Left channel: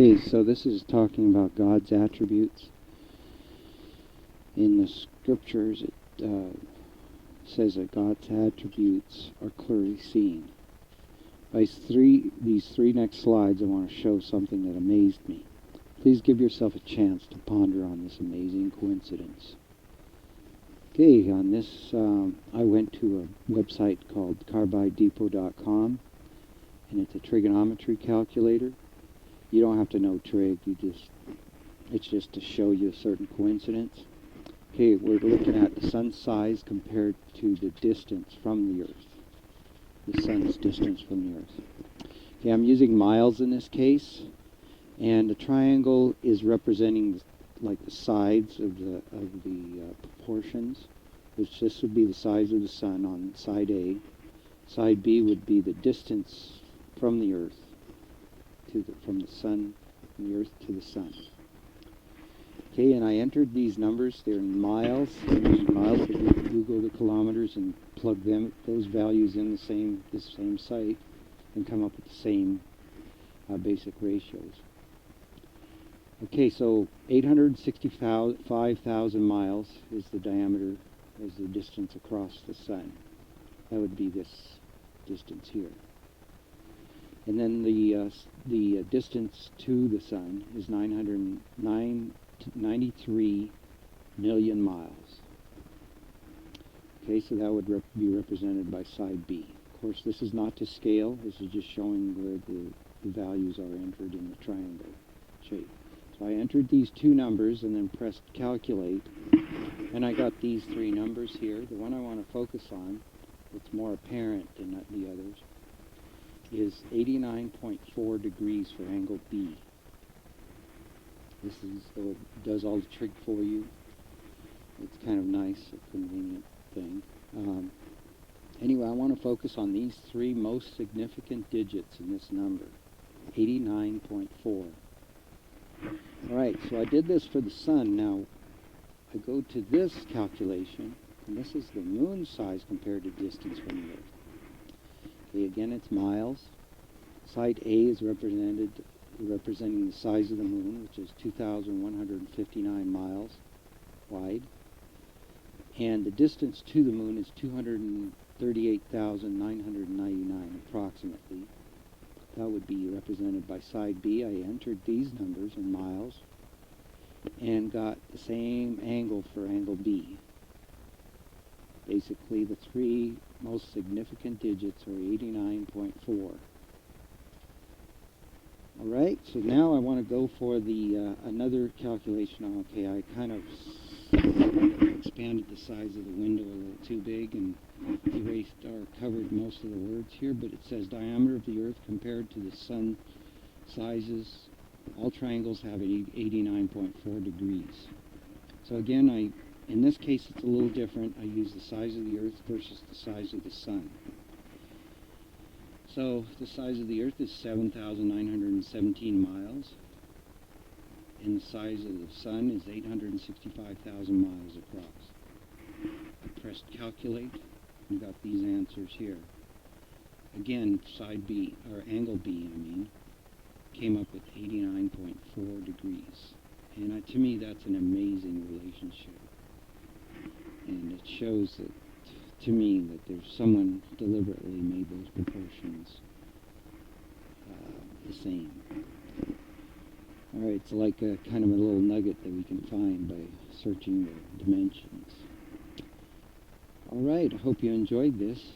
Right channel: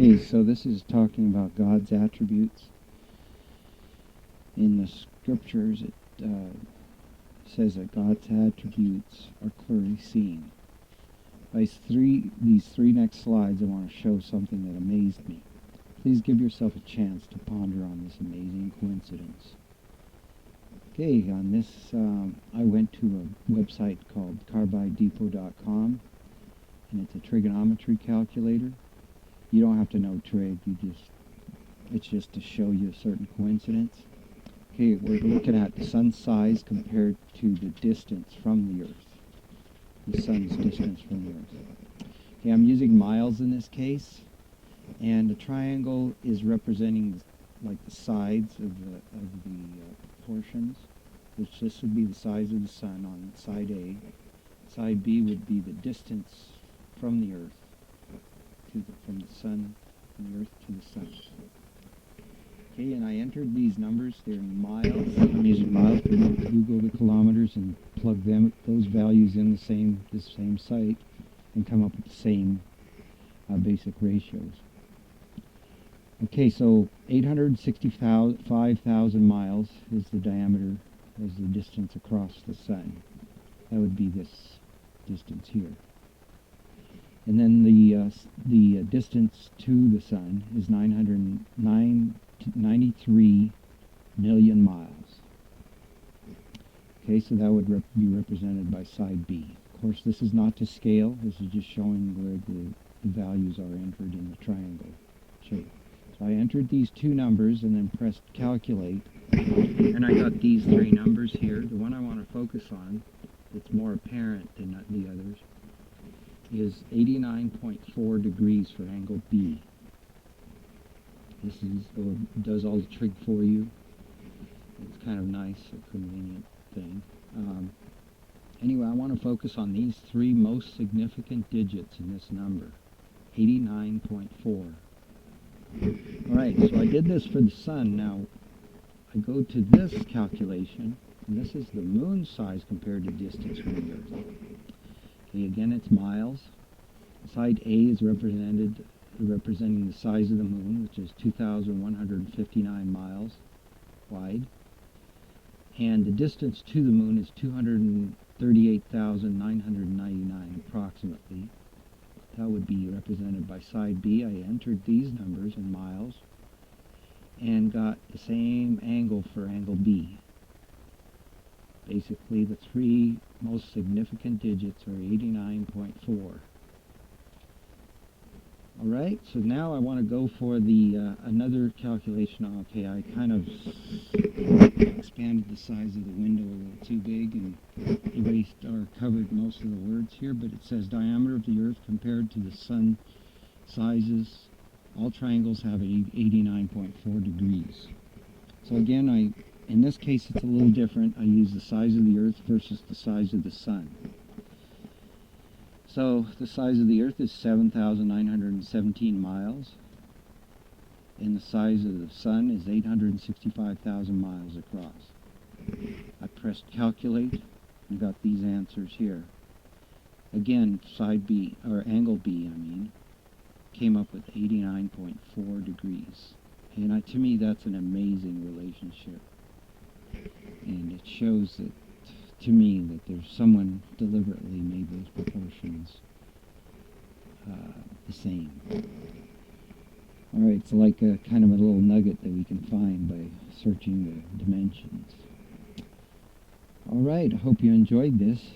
Okay, so this is talking about God's attributes. In the scriptures, it says that God's attributes are clearly seen. By these three next slides, I want to show something that amazed me. Please give yourself a chance to ponder on this amazing coincidence. Okay, on this, I went to a website called carbidedepot.com, and it's a trigonometry calculator. You don't have to know trig, it's just to show you a certain coincidence. Okay, we're looking at the sun's size compared to the distance from the Earth. The sun's distance from the Earth. Okay, I'm using miles in this case, and the triangle is representing like the sides of the proportions, which this would be the size of the sun on side A. Side B would be the distance from the Earth from the Earth to the sun. Okay, and I entered these numbers. They're in miles. I'm using miles. You Google the kilometers and plug those values in the same site, and come up with the same basic ratios. Okay, so 865,000 miles is the diameter, is the distance across the sun. That would be this distance here. And then the distance to the sun is 993 million miles. Okay, so that would be represented by side B. Of course, this is not to scale. This is just showing where the values are entered in the triangle shape. So I entered these two numbers and then pressed calculate, and I got these three numbers here. The one I want to focus on, it's more apparent than the others, is 89.4 degrees for angle B. This does all the trig for you. It's kind of nice, a convenient thing. Anyway, I want to focus on these three most significant digits in this number, 89.4. Alright, so I did this for the sun. Now, I go to this calculation, and this is the moon size compared to distance from the Earth. Okay, again, it's miles. Side A is representing the size of the moon, which is 2,159 miles wide. And the distance to the moon is 238,999 approximately. That would be represented by side B. I entered these numbers in miles and got the same angle for angle B. Basically, the three most significant digits are 89.4. Alright, so now I want to go for the another calculation. Okay, I kind of expanded the size of the window a little too big and erased or covered most of the words here, but it says diameter of the Earth compared to the sun sizes. All triangles have 89.4 degrees. So again, in this case it's a little different. I use the size of the Earth versus the size of the sun. So the size of the Earth is 7,917 miles, and the size of the sun is 865,000 miles across. I pressed calculate and got these answers here. Again, side B, or angle B, came up with 89.4 degrees. And to me, that's an amazing relationship. And it shows that, to me, that there's someone deliberately made those proportions the same. Alright, it's like a kind of a little nugget that we can find by searching the dimensions. Alright, I hope you enjoyed this.